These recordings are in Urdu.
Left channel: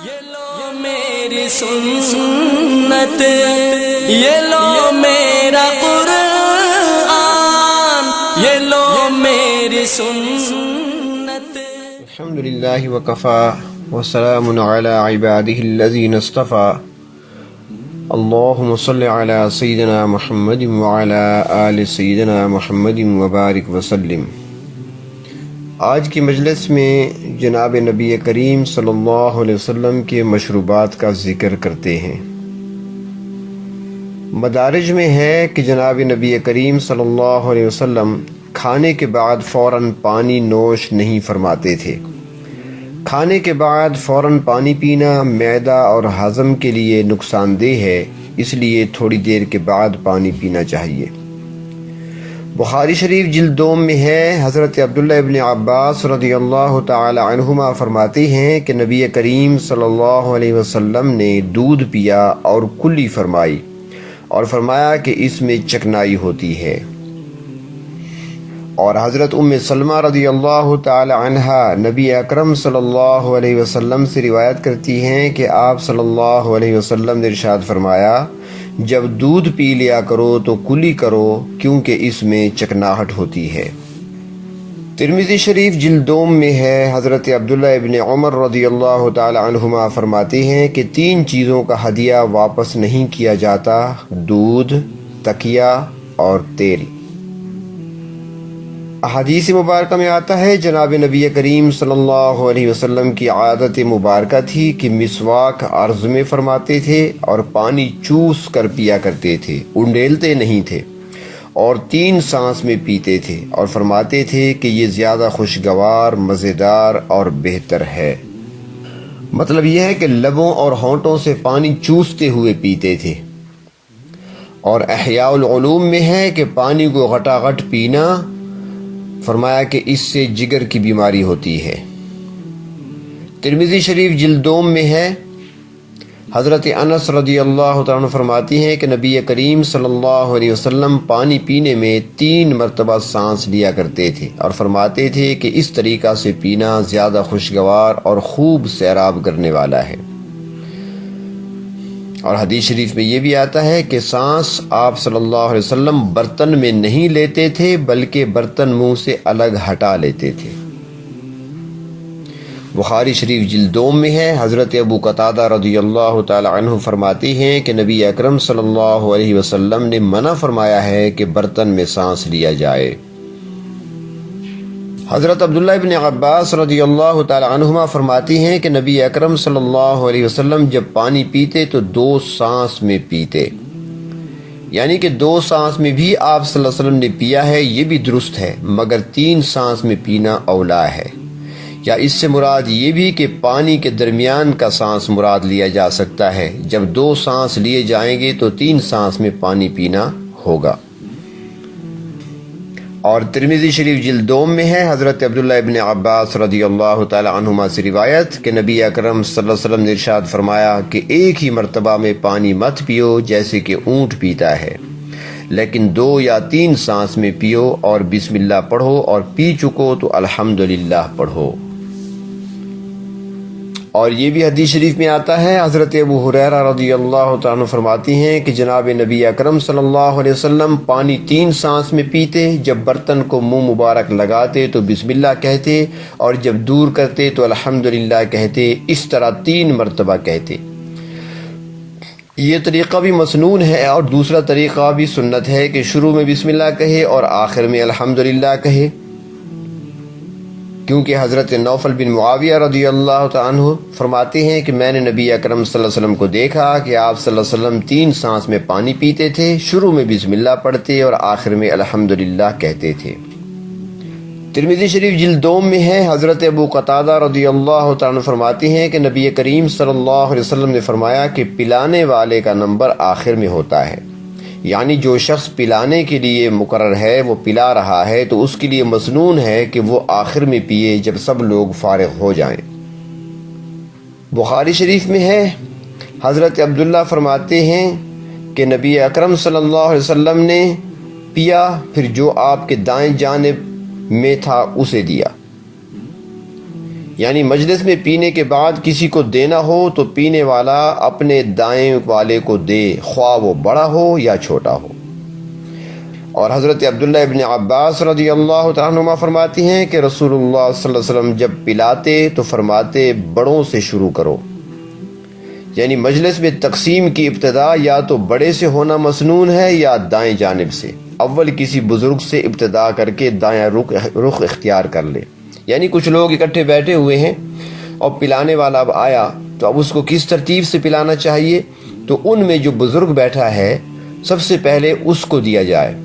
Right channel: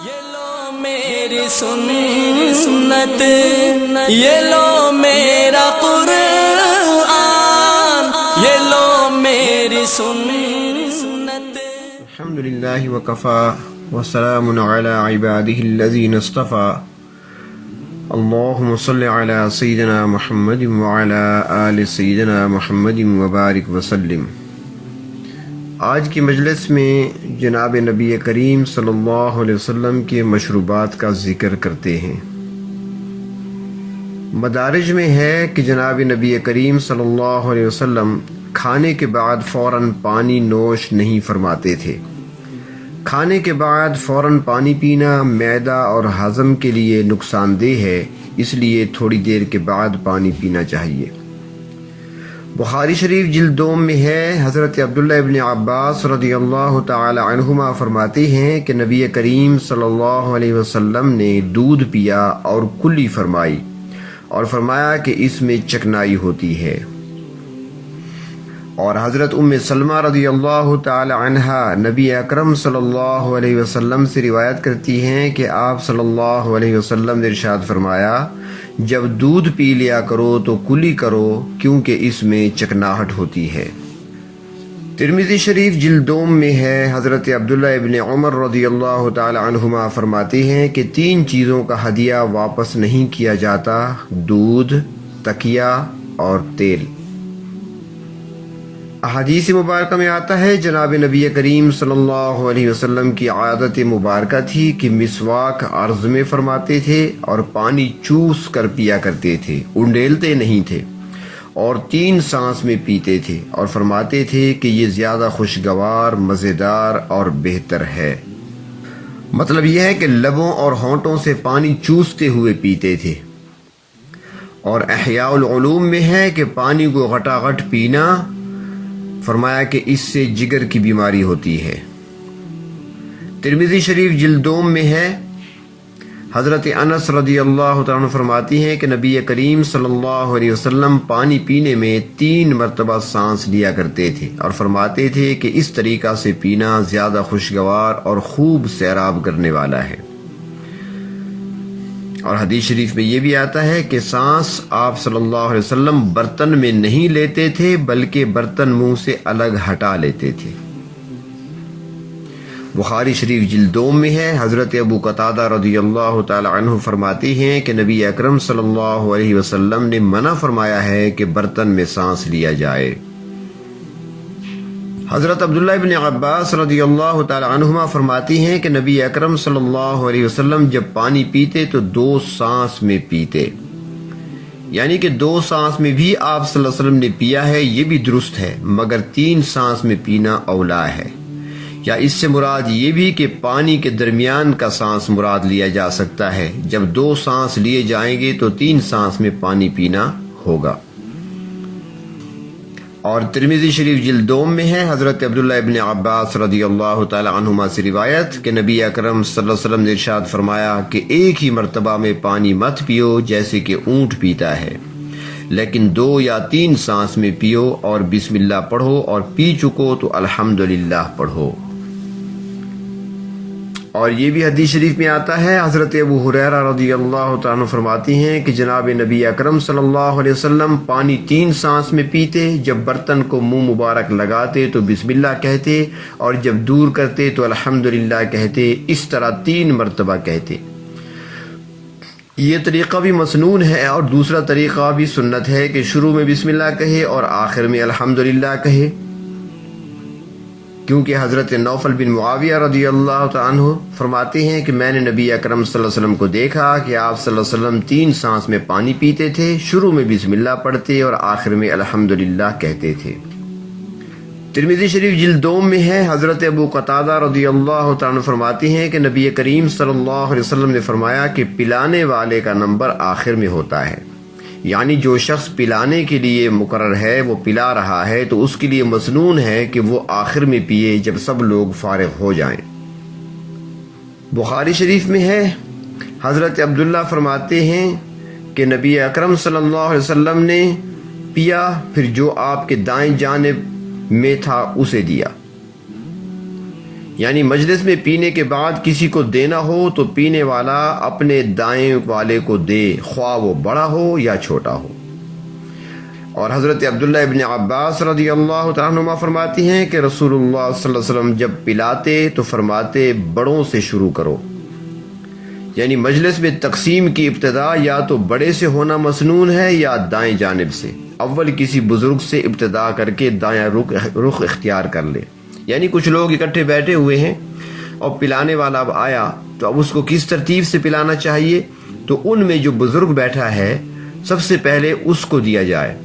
یہ لو میری سنت، یہ لو میرا قرآن، یہ لو میری سنت۔ الحمدللہ وکفا وسلام علی عبادہ الذین اصطفى۔ اللہم صل علی سیدنا محمد وعلی آل سیدنا محمد وبارک وسلم۔ آج کی مجلس میں جناب نبی کریم صلی اللہ علیہ وسلم کے مشروبات کا ذکر کرتے ہیں۔ مدارج میں ہے کہ جناب نبی کریم صلی اللہ علیہ وسلم کھانے کے بعد فوراً پانی نوش نہیں فرماتے تھے۔ کھانے کے بعد فوراً پانی پینا معدہ اور ہضم کے لیے نقصان دہ ہے، اس لیے تھوڑی دیر کے بعد پانی پینا چاہیے۔ بخاری شریف جلد 2 میں ہے، حضرت عبداللہ ابن عباس رضی اللہ تعالی عنہما فرماتے ہیں کہ نبی کریم صلی اللہ علیہ وسلم نے دودھ پیا اور کلی فرمائی اور فرمایا کہ اس میں چکنائی ہوتی ہے۔ اور حضرت ام سلمہ رضی اللہ تعالی عنہا نبی اکرم صلی اللہ علیہ وسلم سے روایت کرتی ہیں کہ آپ صلی اللہ علیہ وسلم نے ارشاد فرمایا، جب دودھ پی لیا کرو تو کلی کرو، کیونکہ اس میں چکناہٹ ہوتی ہے۔ ترمذی شریف جلد 2 میں ہے، حضرت عبداللہ ابن عمر رضی اللہ تعالی عنہما فرماتے ہیں کہ 3 چیزوں کا ہدیہ واپس نہیں کیا جاتا: دودھ، تکیہ اور تیل۔ احادیث مبارکہ میں آتا ہے جناب نبی کریم صلی اللہ علیہ وسلم کی عادت مبارکہ تھی کہ مسواک عرض میں فرماتے تھے اور پانی چوس کر پیا کرتے تھے، انڈیلتے نہیں تھے، اور 3 سانس میں پیتے تھے، اور فرماتے تھے کہ یہ زیادہ خوشگوار، مزیدار اور بہتر ہے۔ مطلب یہ ہے کہ لبوں اور ہونٹوں سے پانی چوستے ہوئے پیتے تھے۔ اور احیاء العلوم میں ہے کہ پانی کو غٹاغٹ پینا، فرمایا کہ اس سے جگر کی بیماری ہوتی ہے۔ ترمذی شریف جلد 2 میں ہے، حضرت انس رضی اللہ تعالیٰ عنہ فرماتی ہیں کہ نبی کریم صلی اللہ علیہ وسلم پانی پینے میں 3 مرتبہ سانس لیا کرتے تھے اور فرماتے تھے کہ اس طریقہ سے پینا زیادہ خوشگوار اور خوب سیراب کرنے والا ہے۔ اور حدیث شریف میں یہ بھی آتا ہے کہ سانس آپ صلی اللہ علیہ وسلم برتن میں نہیں لیتے تھے، بلکہ برتن منہ سے الگ ہٹا لیتے تھے۔ بخاری شریف جلد 2 میں ہے، حضرت ابو قتادہ رضی اللہ تعالی عنہ فرماتے ہیں کہ نبی اکرم صلی اللہ علیہ وسلم نے منع فرمایا ہے کہ برتن میں سانس لیا جائے۔ حضرت عبداللہ ابن عباس رضی اللہ تعالی عنہما فرماتی ہیں کہ نبی اکرم صلی اللہ علیہ وسلم جب پانی پیتے تو 2 سانس میں پیتے، یعنی کہ 2 سانس میں بھی آپ صلی اللہ علیہ وسلم نے پیا ہے، یہ بھی درست ہے، مگر 3 سانس میں پینا اولا ہے۔ یا اس سے مراد یہ بھی کہ پانی کے درمیان کا سانس مراد لیا جا سکتا ہے، جب 2 سانس لیے جائیں گے تو 3 سانس میں پانی پینا ہوگا۔ اور ترمذی شریف جلد 2 میں ہے، حضرت عبداللہ ابن عباس رضی اللہ تعالی عنہما سے روایت کہ نبی اکرم صلی اللہ علیہ وسلم نے ارشاد فرمایا کہ ایک ہی مرتبہ میں پانی مت پیو جیسے کہ اونٹ پیتا ہے، لیکن 2 یا 3 سانس میں پیو، اور بسم اللہ پڑھو، اور پی چکو تو الحمدللہ پڑھو۔ اور یہ بھی حدیث شریف میں آتا ہے، حضرت ابو ہریرہ رضی اللہ تعالیٰ عنہ فرماتی ہیں کہ جناب نبی اکرم صلی اللہ علیہ وسلم پانی 3 سانس میں پیتے، جب برتن کو منہ مبارک لگاتے تو بسم اللہ کہتے، اور جب دور کرتے تو الحمدللہ کہتے، اس طرح 3 مرتبہ کہتے۔ یہ طریقہ بھی مسنون ہے، اور دوسرا طریقہ بھی سنت ہے کہ شروع میں بسم اللہ کہے اور آخر میں الحمدللہ کہے، کیونکہ حضرت نوفل بن معاویہ رضی اللہ تعالیٰ عنہ فرماتے ہیں کہ میں نے نبی اکرم صلی اللہ علیہ وسلم کو دیکھا کہ آپ صلی اللہ علیہ وسلم 3 سانس میں پانی پیتے تھے، شروع میں بسم اللہ پڑھتے اور آخر میں الحمدللہ کہتے تھے۔ ترمذی شریف جلد 2 میں ہے، حضرت ابو قتادہ رضی اللہ تعالیٰ عنہ فرماتے ہیں کہ نبی کریم صلی اللہ علیہ وسلم نے فرمایا کہ پلانے والے کا نمبر آخر میں ہوتا ہے، یعنی جو شخص پلانے کے لیے مقرر ہے وہ پلا رہا ہے تو اس کے لیے مسنون ہے کہ وہ آخر میں پیے جب سب لوگ فارغ ہو جائیں۔ بخاری شریف میں ہے، حضرت عبداللہ فرماتے ہیں کہ نبی اکرم صلی اللہ علیہ وسلم نے پیا، پھر جو آپ کے دائیں جانب میں تھا اسے دیا، یعنی مجلس میں پینے کے بعد کسی کو دینا ہو تو پینے والا اپنے دائیں والے کو دے، خواہ وہ بڑا ہو یا چھوٹا ہو۔ اور حضرت عبداللہ ابن عباس رضی اللہ تعالیٰ عنہما فرماتی ہیں کہ رسول اللہ صلی اللہ علیہ وسلم جب پلاتے تو فرماتے بڑوں سے شروع کرو، یعنی مجلس میں تقسیم کی ابتدا یا تو بڑے سے ہونا مسنون ہے یا دائیں جانب سے۔ اول کسی بزرگ سے ابتدا کر کے دایاں رخ اختیار کر لے، یعنی کچھ لوگ اکٹھے بیٹھے ہوئے ہیں اور پلانے والا اب آیا تو اب اس کو کس ترتیب سے پلانا چاہیے، تو ان میں جو بزرگ بیٹھا ہے سب سے پہلے اس کو دیا جائے،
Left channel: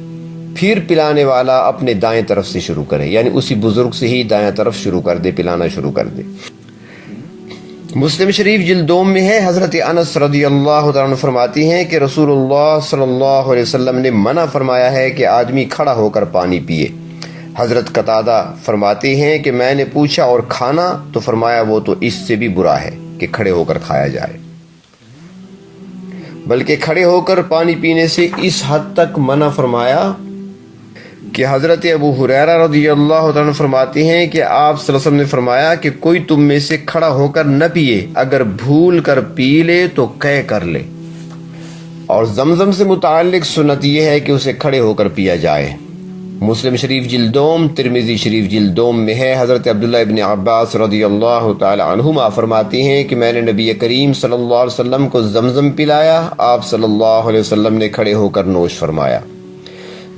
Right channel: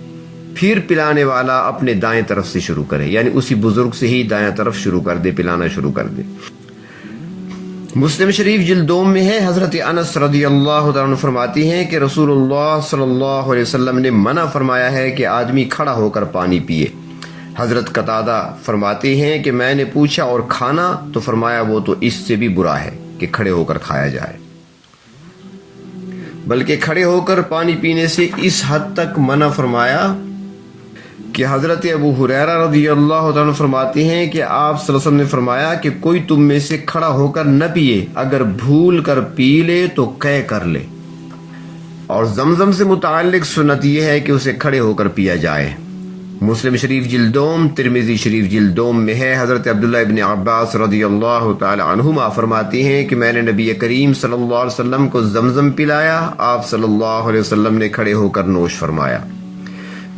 پھر پلانے والا اپنے دائیں طرف سے شروع کرے، یعنی اسی بزرگ سے ہی دائیں طرف شروع کر دے، پلانا شروع کر دے۔ مسلم شریف جلد 2 میں ہے، حضرت انس رضی اللہ عنہ فرماتی ہیں کہ رسول اللہ صلی اللہ علیہ وسلم نے منع فرمایا ہے کہ آدمی کھڑا ہو کر پانی پیے۔ حضرت قتادہ فرماتے ہیں کہ میں نے پوچھا اور کھانا، تو فرمایا وہ تو اس سے بھی برا ہے کہ کھڑے ہو کر کھایا جائے، بلکہ کھڑے ہو کر پانی پینے سے اس حد تک منع فرمایا کہ حضرت ابو ہریرہ رضی اللہ عنہ فرماتے ہیں کہ آپ صلی اللہ علیہ وسلم نے فرمایا کہ کوئی تم میں سے کھڑا ہو کر نہ پیے، اگر بھول کر پی لے تو قے کر لے۔ اور زمزم سے متعلق سنت یہ ہے کہ اسے کھڑے ہو کر پیا جائے۔ مسلم شریف جلد 2، ترمذی شریف جلد 2 میں ہے، حضرت عبداللہ ابن عباس رضی اللہ تعالی عنہما فرماتے ہیں کہ میں نے نبی کریم صلی اللہ علیہ وسلم کو زمزم پلایا، آپ صلی اللہ علیہ وسلم نے کھڑے ہو کر نوش فرمایا۔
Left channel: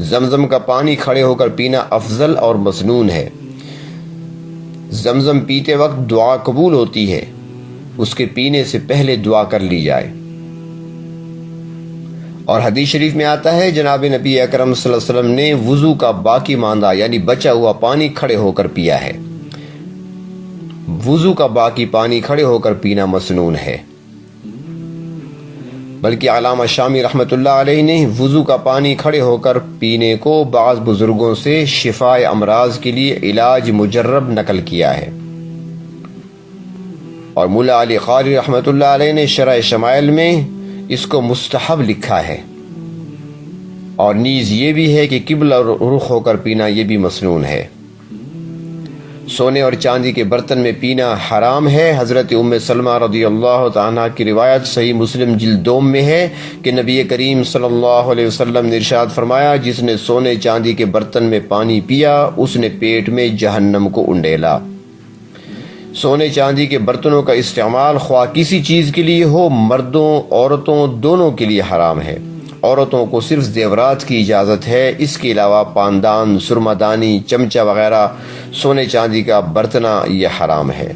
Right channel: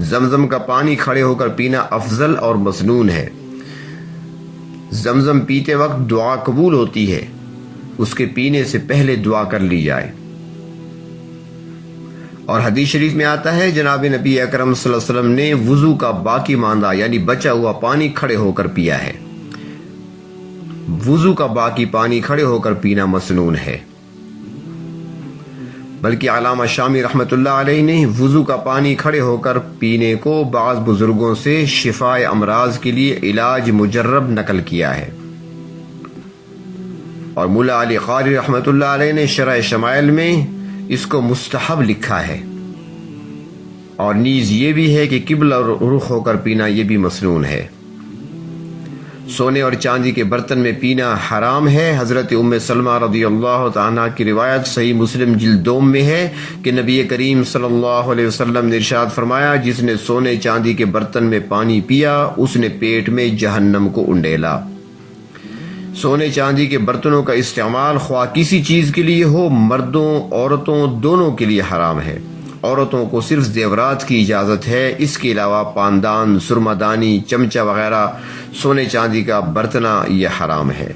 زمزم کا پانی کھڑے ہو کر پینا افضل اور مسنون ہے۔ زمزم پیتے وقت دعا قبول ہوتی ہے، اس کے پینے سے پہلے دعا کر لی جائے۔ اور حدیث شریف میں آتا ہے جناب نبی اکرم صلی اللہ علیہ وسلم نے وضو کا باقی ماندہ یعنی بچا ہوا پانی کھڑے ہو کر پیا ہے۔ وضو کا باقی پانی کھڑے ہو کر پینا مسنون ہے، بلکہ علامہ شامی رحمۃ اللہ علیہ نے وضو کا پانی کھڑے ہو کر پینے کو بعض بزرگوں سے شفاء امراض کے لیے علاج مجرب نقل کیا ہے۔ اور مولا علی قاری رحمۃ اللہ علیہ نے شرح شمائل میں اس کو مستحب لکھا ہے، اور نیز یہ بھی ہے کہ قبلہ رخ ہو کر پینا یہ بھی مسنون ہے۔ سونے اور چاندی کے برتن میں پینا حرام ہے۔ حضرت ام سلمہ رضی اللہ تعالیٰ کی روایت صحیح مسلم جلد 2 میں ہے کہ نبی کریم صلی اللہ علیہ وسلم نے ارشاد فرمایا، جس نے سونے چاندی کے برتن میں پانی پیا اس نے پیٹ میں جہنم کو انڈیلا۔ سونے چاندی کے برتنوں کا استعمال خواہ کسی چیز کے لیے ہو، مردوں عورتوں دونوں کے لیے حرام ہے۔ عورتوں کو صرف زیورات کی اجازت ہے، اس کے علاوہ پاندان، سرمہ دانی، چمچہ وغیرہ سونے چاندی کا برتنا یہ حرام ہے۔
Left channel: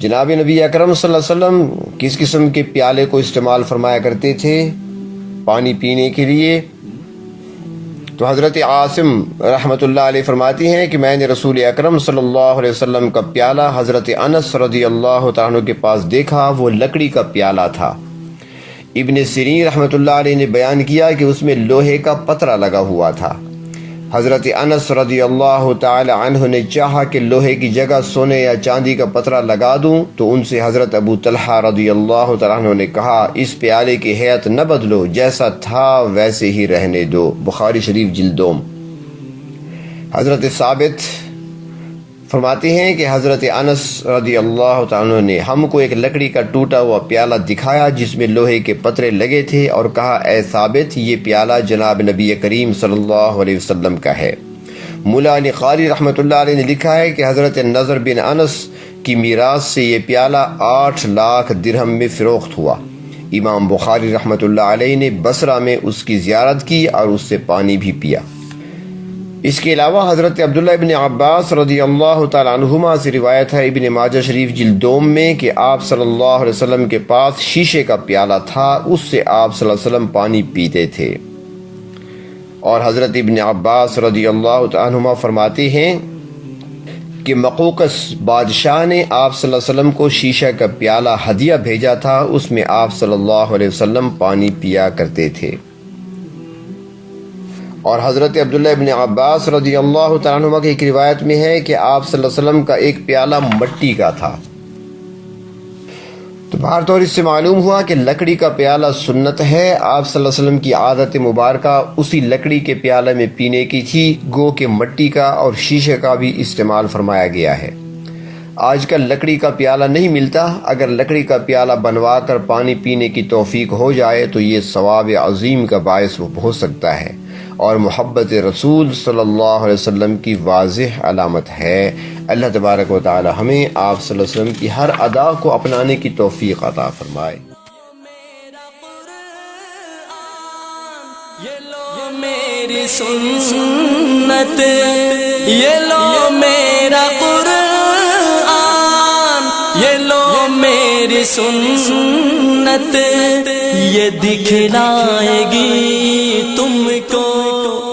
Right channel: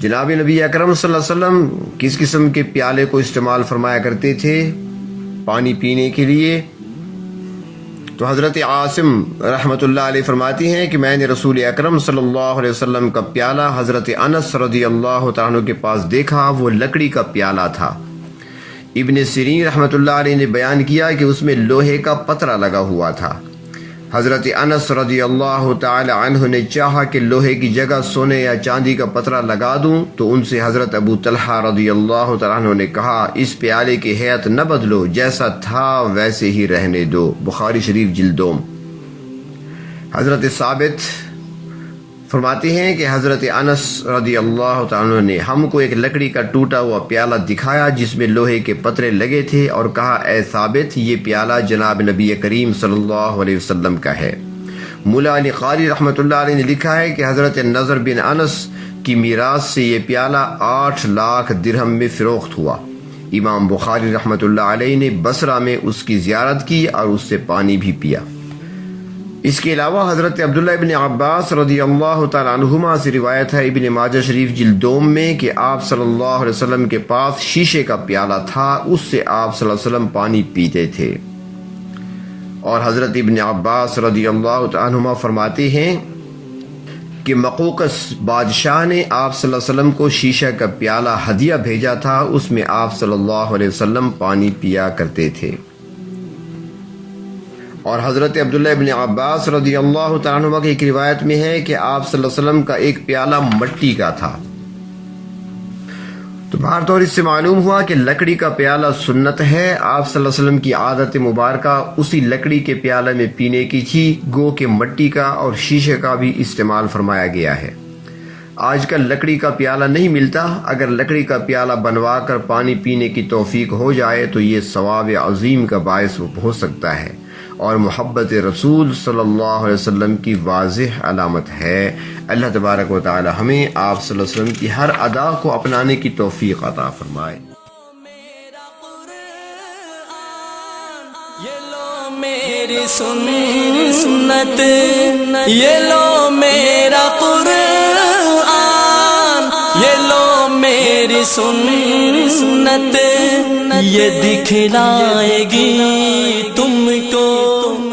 جناب نبی اکرم صلی اللہ علیہ وسلم کس قسم کے پیالے کو استعمال فرمایا کرتے تھے پانی پینے کے لیے؟ تو حضرت عاصم رحمۃ اللہ علیہ فرماتی ہیں کہ میں نے رسول اکرم صلی اللہ علیہ وسلم کا پیالہ حضرت انس رضی اللہ تعالیٰ عنہ کے پاس دیکھا، وہ لکڑی کا پیالہ تھا۔ ابن سیرین رحمۃ اللہ علیہ نے بیان کیا کہ اس میں لوہے کا پترا لگا ہوا تھا۔ حضرت انس رضی اللہ تعالی عنہ نے چاہا کہ لوہے کی جگہ سونے یا چاندی کا پترا لگا دوں، تو ان سے حضرت ابو طلحہ رضی اللہ تعالی عنہ نے کہا، اس پیالے کی ہیئت نہ بدلو، جیسا تھا ویسے ہی رہنے دو۔ بخاری شریف جلد 2۔ حضرت ثابت فرماتے ہیں کہ حضرت انس رضی اللہ تعالی عنہ نے ہم کو ایک لکڑی کا ٹوٹا ہوا پیالہ دکھایا جس میں لوہے کے پترے لگے تھے، اور کہا، اے ثابت، یہ پیالہ جناب نبی کریم صلی اللہ علیہ وسلم کا ہے۔ مولا علی قاری رحمۃ اللہ علیہ نے لکھا ہے کہ حضرت نضر بن انس کی میراث سے یہ پیالہ 8 لاکھ درہم میں فروخت ہوا۔ امام بخاری رحمۃ اللہ علیہ نے بصرہ میں اس کی زیارت کی اور اس سے پانی بھی پیا۔ اس کے علاوہ حضرت عبداللہ ابن عباس رضی اللہ تعالی عنہما سے روایت ہے ابن ماجہ شریف جلد 2 میں کہ آپ صلی اللہ علیہ وسلم کے پاس شیشے کا پیالہ تھا، اس سے آپ صلی اللہ علیہ وسلم پانی پیتے تھے۔ اور حضرت ابن عباس رضی اللہ تعالی عنہما فرماتے ہیں کہ مقوقس بادشاہ نے آپ صلی اللہ علیہ وسلم کو شیشہ کا پیالہ ہدیہ بھیجا تھا، اس میں آپ صلی اللہ علیہ وسلم پانی پیا کرتے تھے۔ اور حضرت عبداللہ ابن عباس رضی اللہ تعالیٰ عنہ کی ایک روایت میں ہے کہ آپ صلی اللہ علیہ وسلم کا ایک پیالہ مٹی کا تھا۔ تو بہر طور اس سے معلوم ہوا کہ لکڑی کا پیالہ سنت ہے۔ آپ صلی اللہ علیہ وسلم کی عادت مبارکہ اسی لکڑی کے پیالے میں پینے کی تھی، گو کہ مٹی کا اور شیشے کا بھی استعمال فرمایا گیا ہے۔ آج کل لکڑی کا پیالہ نہیں ملتا، اگر لکڑی کا پیالہ بنوا کر پانی پینے کی توفیق ہو جائے تو یہ ثواب عظیم کا باعث ہو سکتا ہے اور محبت رسول صلی اللہ علیہ وسلم کی واضح علامت ہے۔ اللہ تبارک و تعالی ہمیں آپ صلی اللہ علیہ وسلم کی ہر ادا کو اپنانے کی توفیق عطا فرمائے۔ یہ لو میری سنت، یہ لو میرا قرآن، یہ لو میری سنت، یہ دکھلائے گی تم کو